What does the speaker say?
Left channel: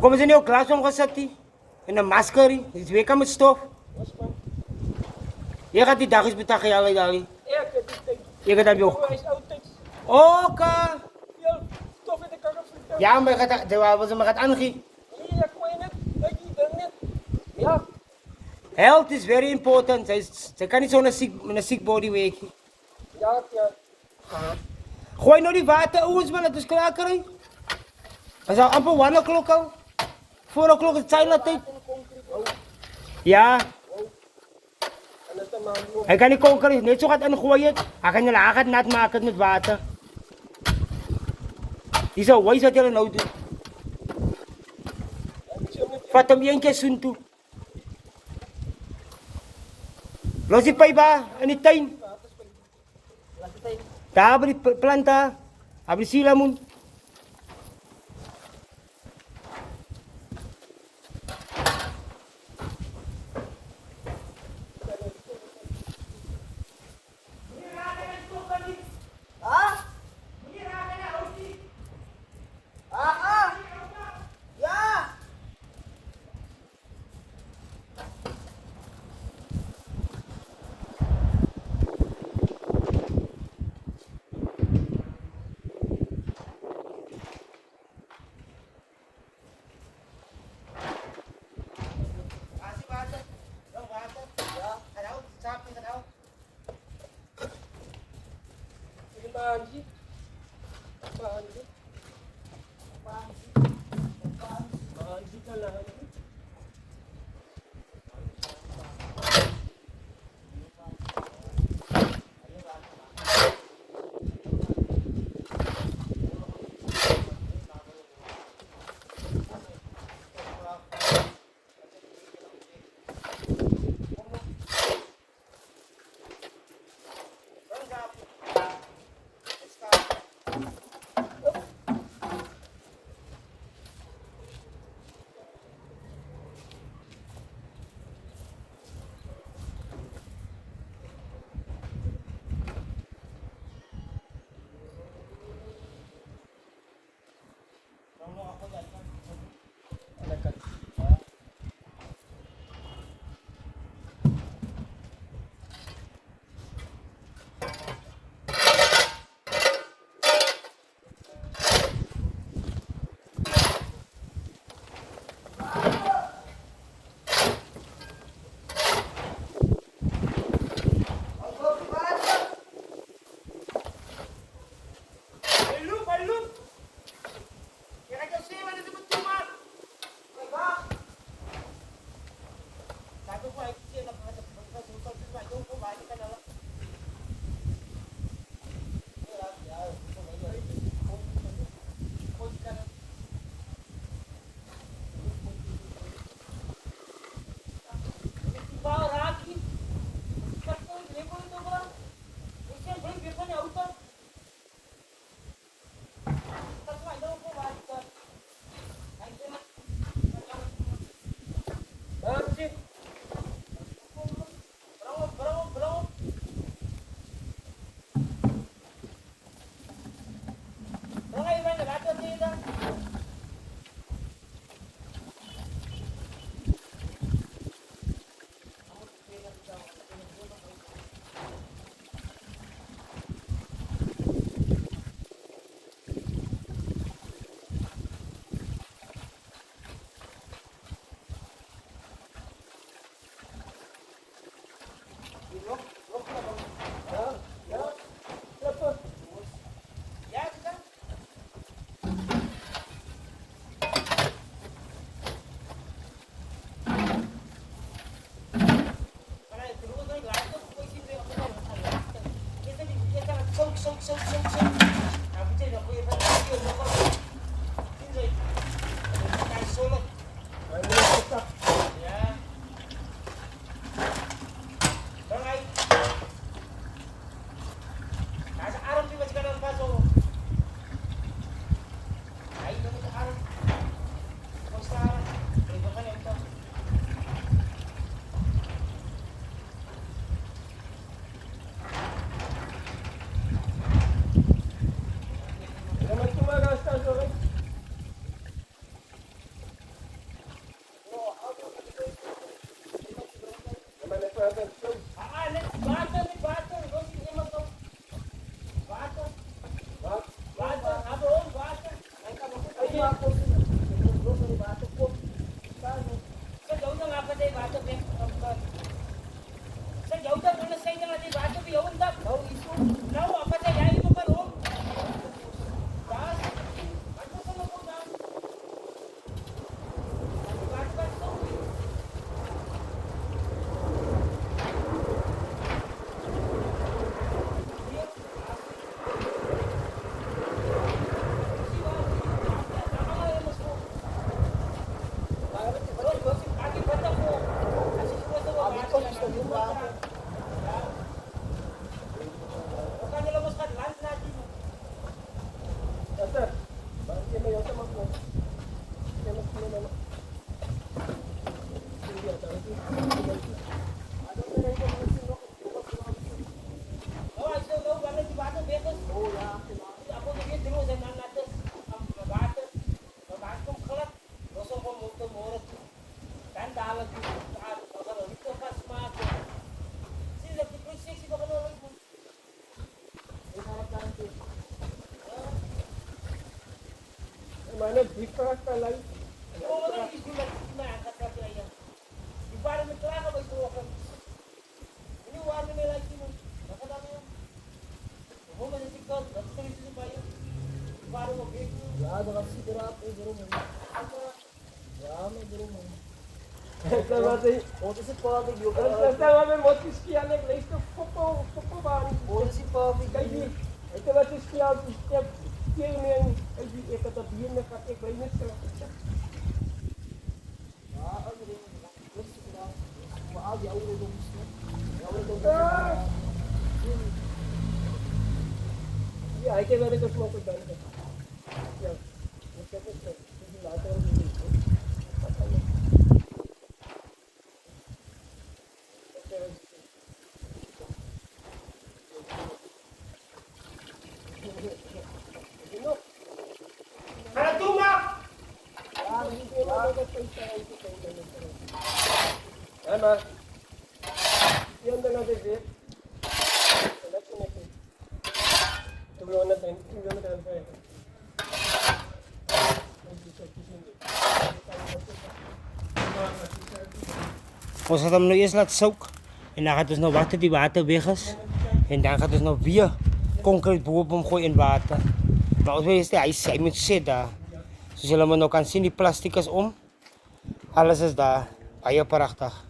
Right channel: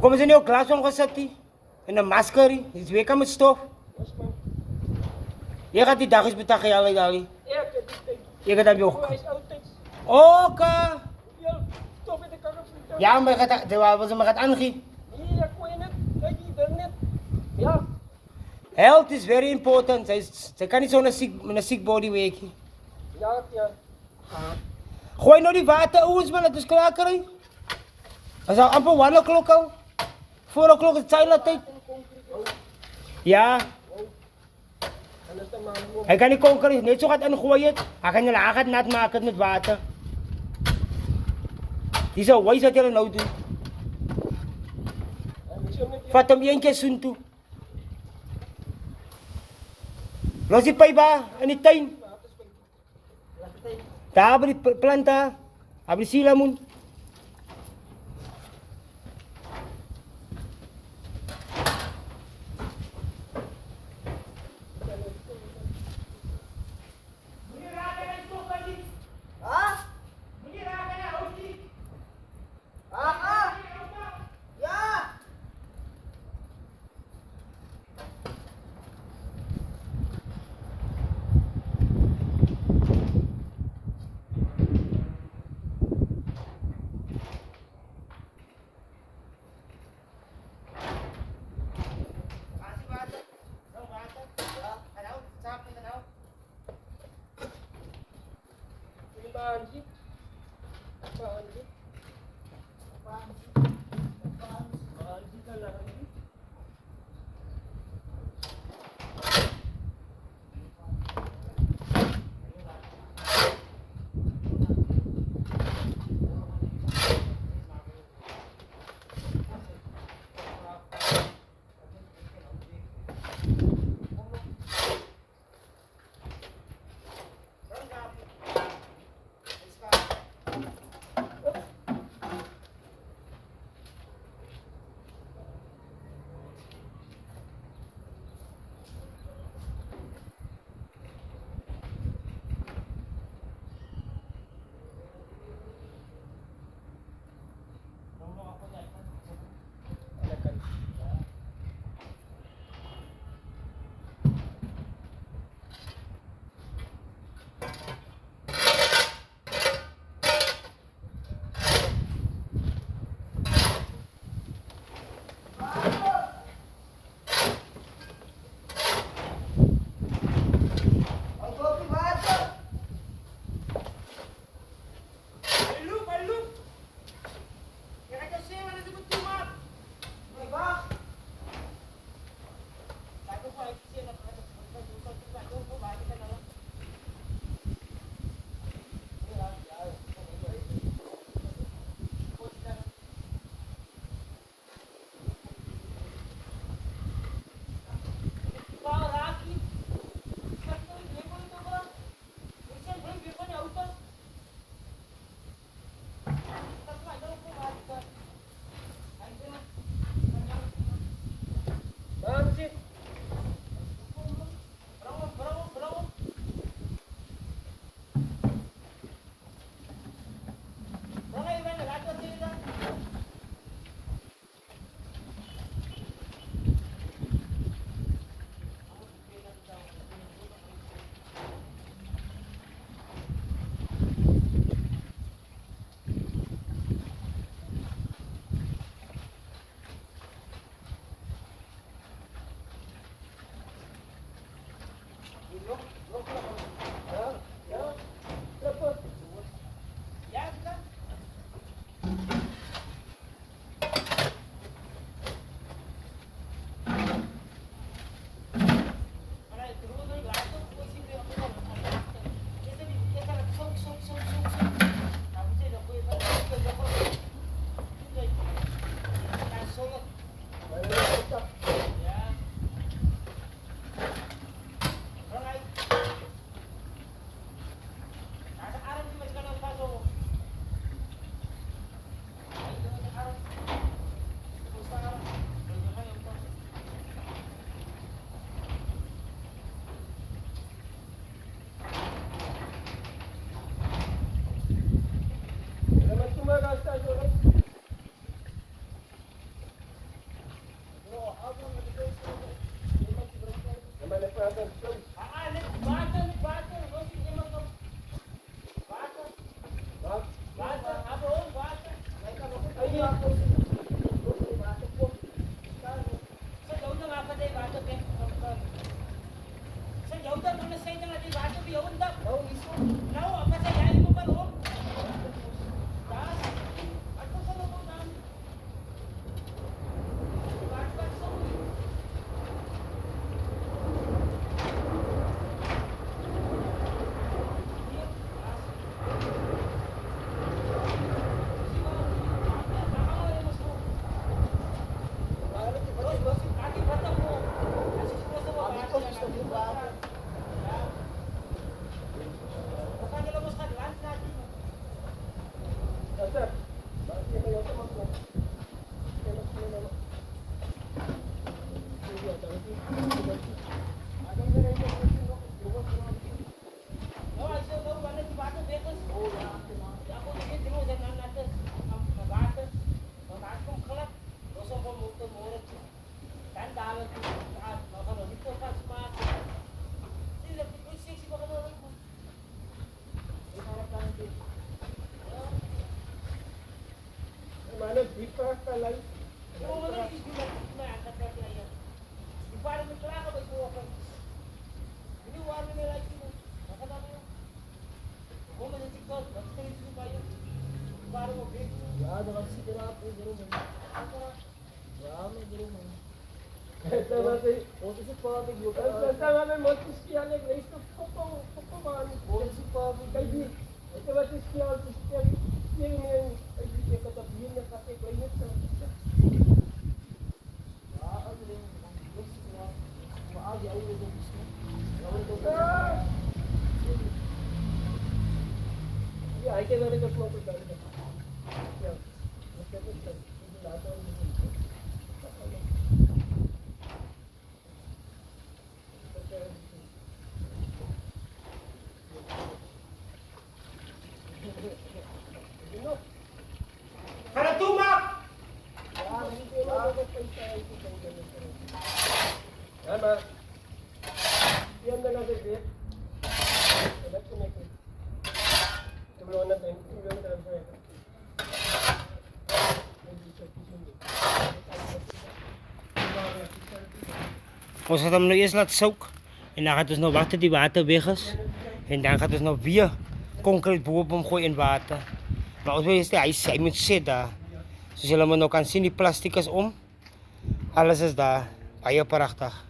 Hoe komen ze nu ook glas omgezet? En een masker? Het is weer met stof. Je gaat die dag eens betalen, ja, Dali. Je gaat dat weer ook. Oké. Ja, maar je gaat aangeven. Ja. Health is very important. Ze kan niet zo met een sick body werken. Ja, ja. Gooi nou die water, ouders, man, het is klaar krijgen. Het is al amper 1 o'clock al. 4 o'clock is het silent tijd. Ja. Hij kan niet koken, net zo gaat ingooien. Hij kan je laag nat maken met water. Die zou wijs wat hij nou doet. Vat hem 1 keer zoen toe. Los die pijp in die tuin. Daar hebben die planten, hebben die silamoen. Mana dikrak kalay. Ya, dengan segera aku buru mo. Ya, no buru mo. Esta bate, oto si Papi yo. Esta bate motis kiya nek isto foto ban. Oto si Papi kay. Esta bate kiya step kiya ni ay di kata biyen na kate kay net sa. Ya, ano rin. Maagi ako rin gusto. Ya, hay que ver esta foto también. Ya. Esta foto. La otra Ama, yan na lang din. Election natin. Tulungan natin. Tingnan natin ang fire. Ons gaat hem nu eerst laten zoeken. En dan gaat dus nog wachten die water weg is. En dan gaat dus nog weer concreet boven gooien in water. Maar als we hij moet zitten. Zo zullen we nog kan zien die plastic is om. Alles is daar. Baie prachtig.